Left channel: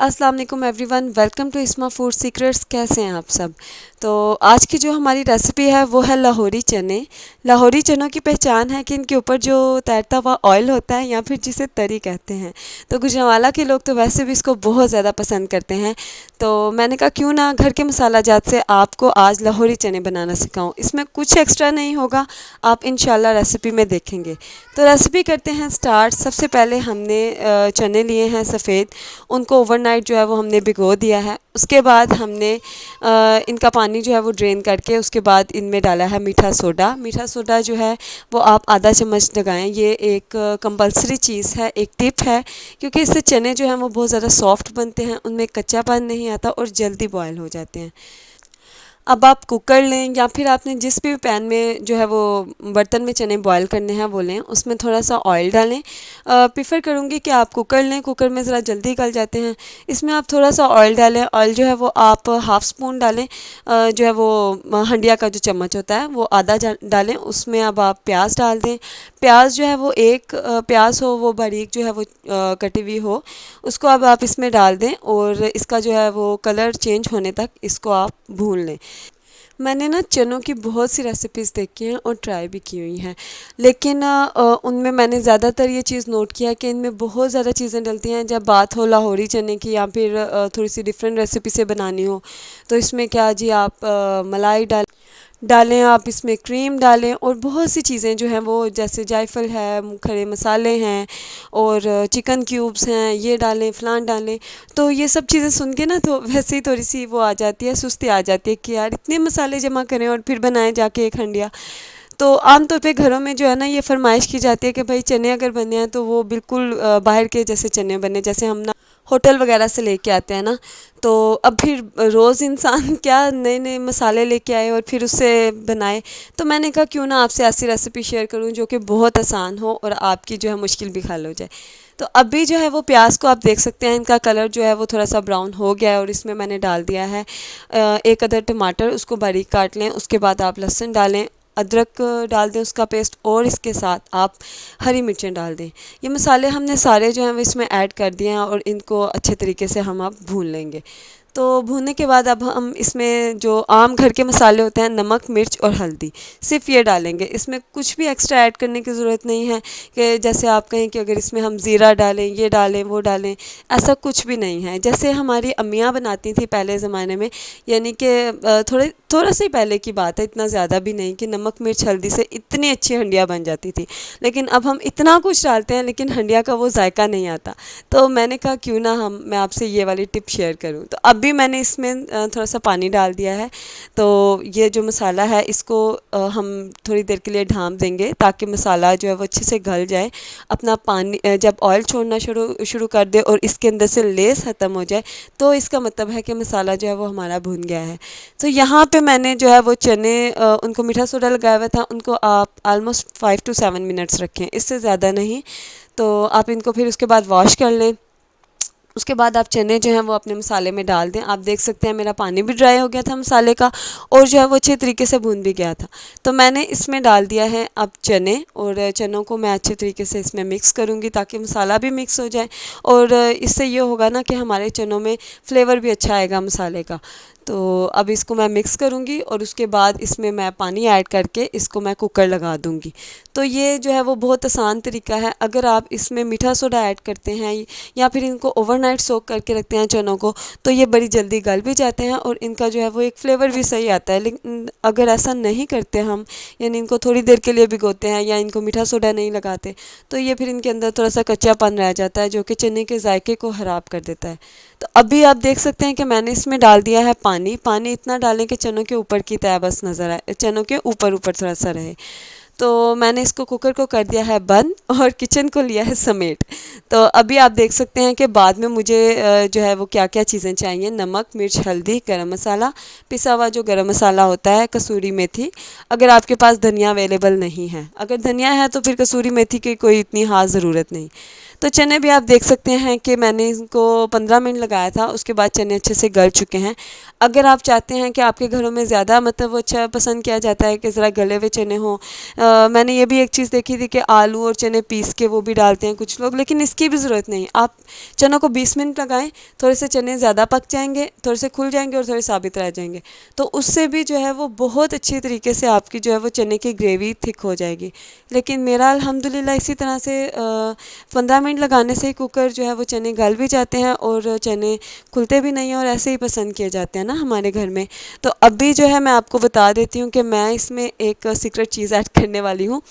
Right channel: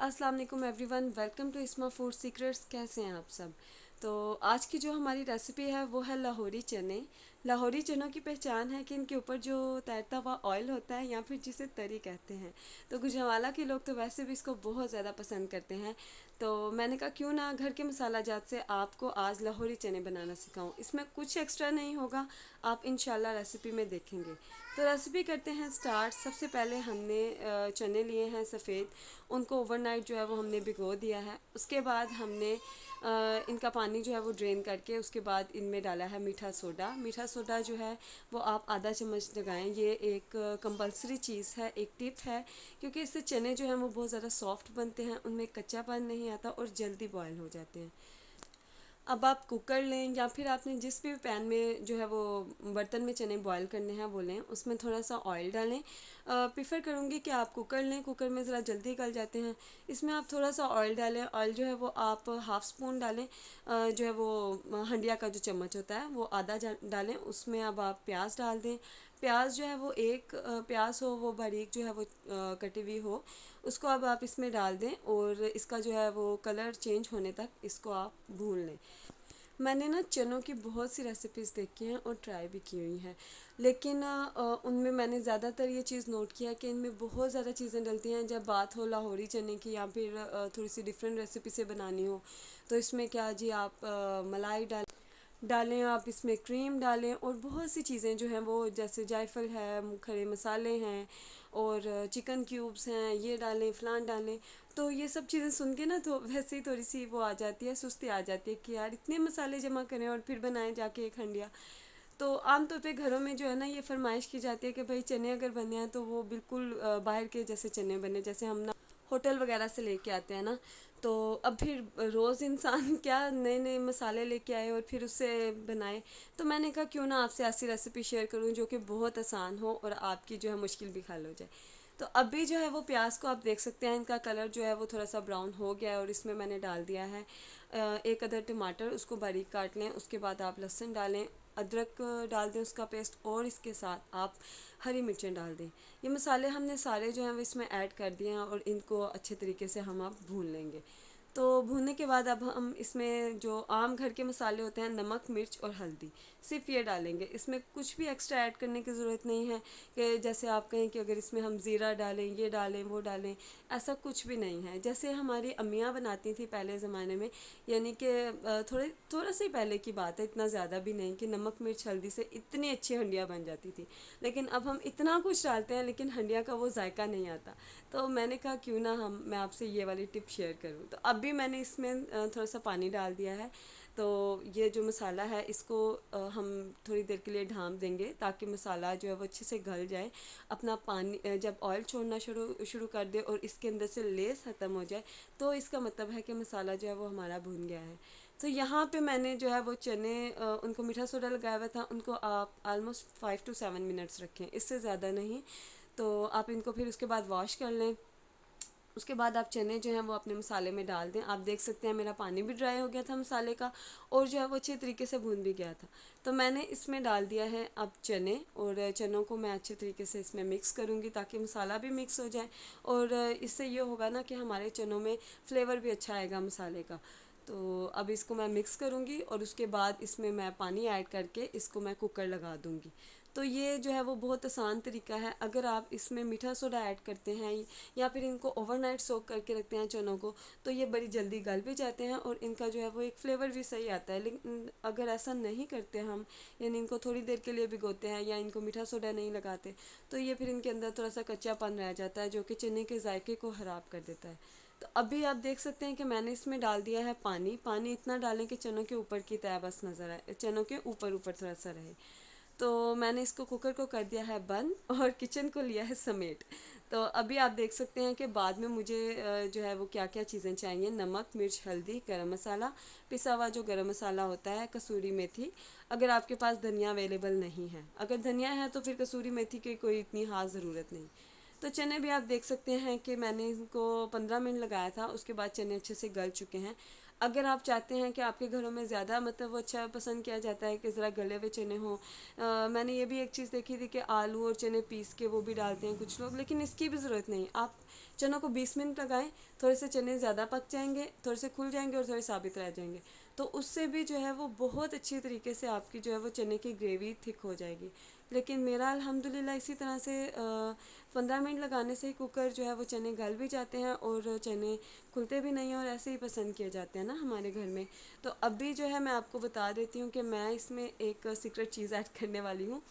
अस्सलाम वालेकुम everyone, welcome to इस्मा फूड सीक्रेट्स। कैसे हैं आप सब? तो आज की जो हमारी रेसिपी है वो है लाहौरी चने। लाहौरी चनों की पहचान है कि इनके ऊपर जो तैरता हुआ ऑयल होता है या फिर जिसे तरी कहते हैं। तो गुजरांवाला के लोग तो वैसे भी इसको बहुत ज़्यादा पसंद करते हैं। तो मैंने कहा क्यों ना घर के मसाला जात से आपको आज लाहौरी चने बनाना सिखाऊं। इसमें कुछ एक्स्ट्रा नहीं होगा, आप इंशाल्लाह रेसिपी में देखेंगे। तो रेसिपी करते हैं स्टार्ट। सबसे पहले हमने चने लिए हैं सफ़ेद, उनको ओवरनाइट जो है वो हमने भिगो दिया है। उसके बाद हमने इनका पानी जो है वो ड्रेन करके उसके बाद इनमें डाला है मीठा सोडा। मीठा सोडा जो है वो आप आधा चम्मच लगाएं। ये एक कंपलसरी चीज़ है, एक टिप है, क्योंकि इससे चने जो हैं वो बहुत ज़्यादा सॉफ्ट बनते हैं, उनमें कच्चापन नहीं आता और जल्दी बॉयल हो जाते हैं। अब आप कुकर लें या फिर आपने जिस भी पैन में जो है वो बर्तन में चने बॉयल करने हैं वो लें, उसमें थोड़ा सा ऑयल डालें। प्रेफर करूँगी कि आप कुकर लें, कुकर में ज़रा जल्दी गल जाते हैं। इसमें आप थोड़ा सा ऑयल डालें। ऑयल जो है वो आप हाफ़ स्पून डालें। जो है वो हंडिया का जो चम्मच होता है वो आधा डालें। उसमें अब आप प्याज डाल दें। प्याज जो है वो एक प्याज हो वो बारीक जो है वो कटी हुई हो, उसको अब आप इसमें डाल दें और इसका जो है वो कलर चेंज होने तक इसको आप भून लें। मैंने ना चनों की बहुत सी रेसिपीज़ देखी हैं और ट्राई भी की हुई हैं, लेकिन उनमें मैंने ज़्यादातर ये चीज़ नोट किया है कि इनमें बहुत ज़्यादा चीज़ें डलती हैं। जब बात हो लाहौरी चने की या फिर थोड़ी सी डिफरेंट रेसिपी से बनानी हो, तो इसमें क्या जी आप मलाई डालें, आप इसमें क्रीम डालें और बहुत सी चीज़ें जो हैं वो जैसे जायफल है, खड़े मसाले हैं और चिकन क्यूब्स हैं, ये डालें, फ़लान डालें। तो ये सब चीज़ें सुन के ना तो वैसे ही थोड़ी सी वो आ जाती है, सुस्ती आ जाती है कि यार इतने मसाले जमा करें और फिर बनाएं जाके एक हंडिया। तो आम तौर पे घरों में जो है ना ये फरमाइश की जाती है कि भाई चने अगर बने हैं तो वो बिल्कुल बाहर के जैसे चने बने, जैसे हम ना होटल वगैरह से लेके आते हैं ना। तो अब फिर रोज़ इंसान क्या नए नए मसाले लेके आए और फिर उससे बनाए। तो मैंने कहा क्यों ना आपसे ऐसी रेसिपी शेयर करूं जो कि बहुत आसान हो और आपकी जो है मुश्किल भी हल हो जाए। तो अभी जो है वो प्याज को आप देख सकते हैं, इनका कलर जो है वो थोड़ा सा ब्राउन हो गया है और इसमें मैंने डाल दिया है एक अदर टमाटर, उसको बारीक काट लें। उसके बाद आप लहसुन डालें, अदरक डाल दें उसका पेस्ट और इसके साथ आप हरी मिर्चें डाल दें। ये मसाले हमने सारे जो हैं वो इसमें ऐड कर दिए हैं और इनको अच्छे तरीके से हम अब भून लेंगे। तो भूनने के बाद अब हम इसमें जो आम घर के मसाले होते हैं, नमक, मिर्च और हल्दी, सिर्फ ये डालेंगे। इसमें कुछ भी एक्स्ट्रा ऐड करने की ज़रूरत नहीं है कि जैसे आप कहें कि अगर इसमें हम ज़ीरा डालें, ये डालें, वो डालें। ऐसा कुछ भी नहीं है। जैसे हमारी अम्मियाँ बनाती थी पहले ज़माने में, यानी कि थोड़ा सा ही पहले की बात है, इतना ज़्यादा भी नहीं, कि नमक, मिर्च, हल्दी से इतनी अच्छी हंडिया बन जाती थी। लेकिन अब हम इतना कुछ डालते हैं लेकिन हंडिया का वो जायका नहीं आता। तो मैंने कहा क्यों ना मैं आपसे ये वाली टिप शेयर करूं। तो अब भी मैंने इसमें थोड़ा सा पानी डाल दिया है। तो ये जो मसाला है इसको हम थोड़ी देर के लिए ढाँप देंगे ताकि मसाला जो है वो अच्छे से गल जाए। अपना पानी जब ऑयल छोड़ना शुरू शुरू कर दे और इसके अंदर से लेस ख़त्म हो जाए, तो इसका मतलब है कि मसाला जो है वो हमारा भुन गया है। तो यहाँ पे मैंने जो है वो चने उनको मीठा सोडा लगाया हुआ था, उनको आप आलमोस्ट 5 to 7 मिनट्स रखें, इससे ज़्यादा नहीं। तो आप इनको फिर उसके बाद वॉश कर लें। उसके बाद आप चने जो हैं वो अपने मसाले में डाल दें। आप देख सकते हैं मेरा पानी भी ड्राई हो गया था मसाले का और जो है वो अच्छे तरीके से भून भी गया था। तो मैंने इसमें डाल दिया है अब चने, और चनों को मैं अच्छे तरीके से इसमें मिक्स करूँगी ताकि मसाला भी मिक्स हो जाए और इससे ये होगा ना कि हमारे चनों में फ्लेवर भी अच्छा आएगा मसाले का। तो अब इसको मैं मिक्स करूँगी और उसके बाद इसमें मैं पानी ऐड करके इसको मैं कुकर लगा दूँगी। तो ये जो है वो बहुत आसान तरीका है। अगर आप इसमें मीठा सोडा ऐड करते हैं या फिर इनको ओवरनाइट सोक करके रखते हैं चनों को, तो ये बड़ी जल्दी गल भी जाते हैं और इनका जो है वो एक फ्लेवर भी सही आता है। लेकिन अगर ऐसा नहीं करते हम, यानी इनको थोड़ी देर के लिए भिगोते हैं या इनको मीठा सोडा नहीं लगाते, तो ये फिर इनके अंदर थोड़ा सा कच्चापन रह जाता है जो कि चने के जायके को ख़राब कर देता है। तो अभी आप देख सकते हैं कि मैंने इसमें डाल दिया है पानी। पानी इतना डालें कि चनों के ऊपर की तय बस नज़र आए, चनों के ऊपर ऊपर थोड़ा सा रहे। तो मैंने इसको कुकर को कर दिया है बंद और किचन को लिया है समेट। तो अभी आप देख सकते हैं कि बाद में मुझे जो है वो क्या क्या चीज़ें चाहिए: नमक, मिर्च, हल्दी, गरम मसाला, पिसा हुआ जो गरम मसाला होता है, कसूरी मेथी, अगर आपके पास धनिया अवेलेबल नहीं है। अगर धनिया है तो फिर कसूरी मेथी की कोई इतनी ख़ास ज़रूरत नहीं। तो चने भी आप देख सकते हैं कि मैंने इनको 15 मिनट लगाया था, उसके बाद चने अच्छे से गल चुके हैं। अगर आप चाहते हैं कि आपके घरों में ज़्यादा मतलब वो अच्छा पसंद किया जाता है कि ज़रा गले हुए चने हों, मैंने ये भी एक चीज़ देखी थी कि आलू और चने पीस के वो भी डालते हैं कुछ लोग, लेकिन इसकी भी ज़रूरत नहीं। आप चनों को 20 मिनट लगाएं, थोड़े से चने ज़्यादा पक जाएंगे, थोड़े से खुल जाएंगे और थोड़े साबित रह जाएंगे, तो उससे भी जो है वो बहुत अच्छी तरीके से आपकी जो है वो चने की ग्रेवी थिक हो जाएगी। लेकिन मेरा अल्हम्दुलिल्लाह इसी तरह से 15 मिनट लगाने से कुकर जो है वो चने गल भी जाते हैं और चने खुलते भी नहीं हैं और ऐसे ही पसंद किए जाते हैं ना हमारे घर में। तो अभी जो है मैं आपको बता देती हूँ कि मैं इसमें एक सीक्रेट चीज़ ऐड करने वाली हूँ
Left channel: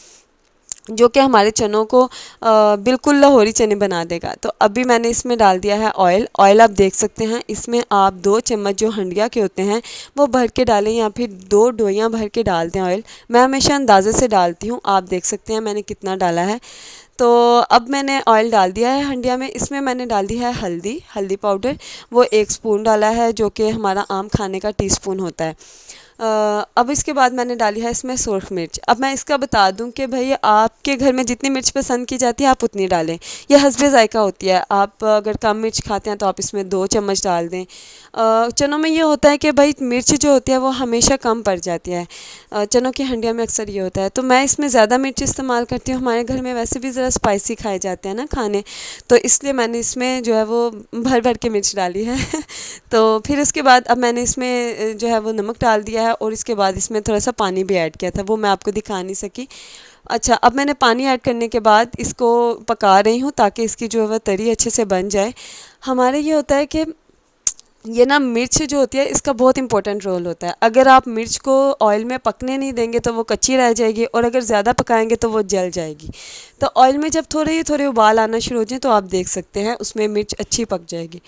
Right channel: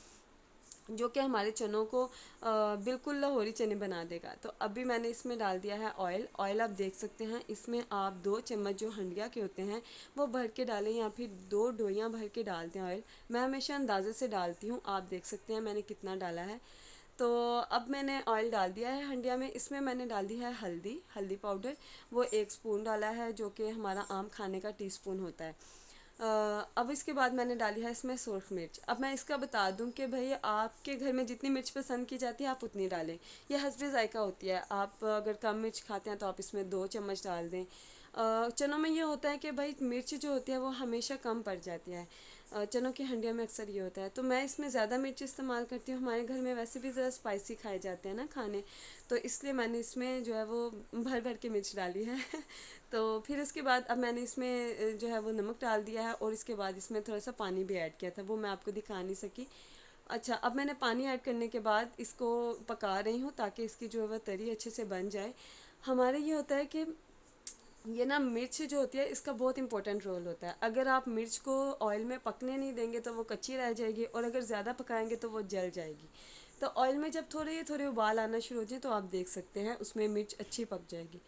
जो कि हमारे चनों को बिल्कुल लाहौरी चने बना देगा। तो अभी मैंने इसमें डाल दिया है ऑयल। ऑयल आप देख सकते हैं, इसमें आप 2 चम्मच जो हंडिया के होते हैं वो भर के डालें या फिर 2 डोइयाँ भर के डाल दें ऑयल। मैं हमेशा अंदाज़े से डालती हूँ, आप देख सकते हैं मैंने कितना डाला है। तो अब मैंने ऑयल डाल दिया है हंडिया में। इसमें मैंने डाल दी है हल्दी पाउडर, वो 1 स्पून डाला है जो कि हमारा आम खाने का टीस्पून होता है। अब इसके बाद मैंने डाली है इसमें सुरख मिर्च। अब मैं इसका बता दूं कि भाई आपके घर में जितनी मिर्च पसंद की जाती है आप उतनी डालें, यह हस्बे ज़ायका होती है। आप अगर कम मिर्च खाते हैं तो आप इसमें 2 चम्मच डाल दें। चनों में ये होता है कि भाई मिर्च जो होती है वो हमेशा कम पड़ जाती है, चनों की हंडिया में अक्सर ये होता है, तो मैं इसमें ज़्यादा मिर्च इस्तेमाल करती हूँ। हमारे घर में वैसे भी ज़रा स्पाइसी खाए जाते हैं ना खाने, तो इसलिए मैंने इसमें जो है वो भर भर के मिर्च डाली है तो फिर उसके बाद अब मैंने इसमें जो है वो नमक डाल दिया है और इसके बाद इसमें थोड़ा सा पानी भी ऐड किया था, वो मैं आपको दिखा नहीं सकी। अच्छा, अब मैंने पानी ऐड करने के बाद इसको पका रही हूँ ताकि इसकी जो है वह तरी अच्छे से बन जाए। हमारे ये होता है कि ये ना मिर्च जो होती है इसका बहुत इंपॉर्टेंट रोल होता है। अगर आप मिर्च को ऑयल में पकने नहीं देंगे तो वो कच्ची रह जाएगी और अगर ज़्यादा पकाएंगे तो वो जल जाएगी। तो ऑयल में जब थोड़े उबाल आना शुरू हो जाए तो आप देख सकते हैं उसमें मिर्च अच्छी पक जाएगी।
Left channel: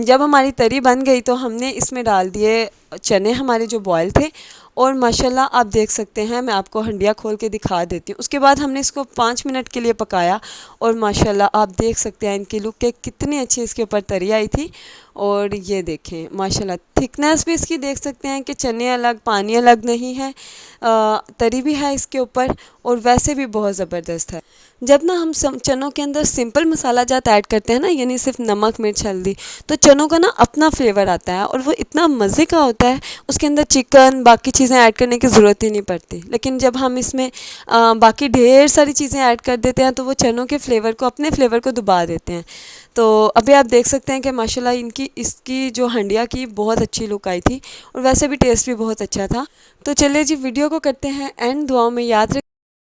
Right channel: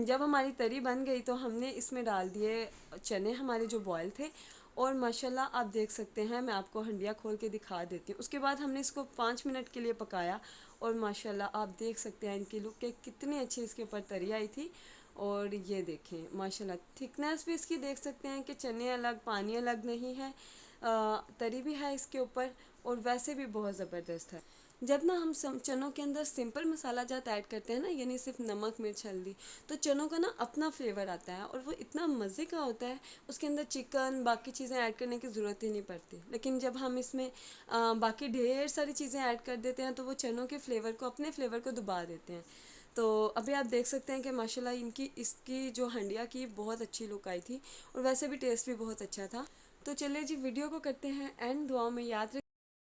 जब हमारी तरी बन गई तो हमने इसमें डाल दिए चने हमारे जो बॉयल थे और माशाल्लाह आप देख सकते हैं, मैं आपको हंडिया खोल के दिखा देती हूँ। उसके बाद हमने इसको 5 मिनट के लिए पकाया और माशाल्लाह आप देख सकते हैं इनकी लुक के कितनी अच्छी इसके ऊपर तरी आई थी। और ये देखें माशाल्लाह थिकनेस भी इसकी देख सकते हैं कि चने अलग पानी अलग नहीं है, तरी भी है इसके ऊपर और वैसे भी बहुत ज़बरदस्त है। जब ना हम चनों के अंदर सिंपल मसाला जात ऐड करते हैं ना, यानी सिर्फ नमक मिर्च हल्दी, तो चनों का ना अपना फ्लेवर आता है और वो इतना मज़े का होता है, उसके अंदर चिकन बाकी चीज़ें ऐड करने की ज़रूरत ही नहीं पड़ती। लेकिन जब हम इसमें बाकी ढेर सारी चीज़ें ऐड कर देते हैं तो वो चनों के फ्लेवर को अपने फ्लेवर को दबा देते हैं। तो अभी आप देख सकते हैं कि माशाल्लाह इसकी जो हंडिया की बहुत अच्छी लुक आई थी और वैसे भी टेस्ट भी बहुत अच्छा था। तो चलिए जी वीडियो को करते हैं एंड, दुआओं में याद रखें।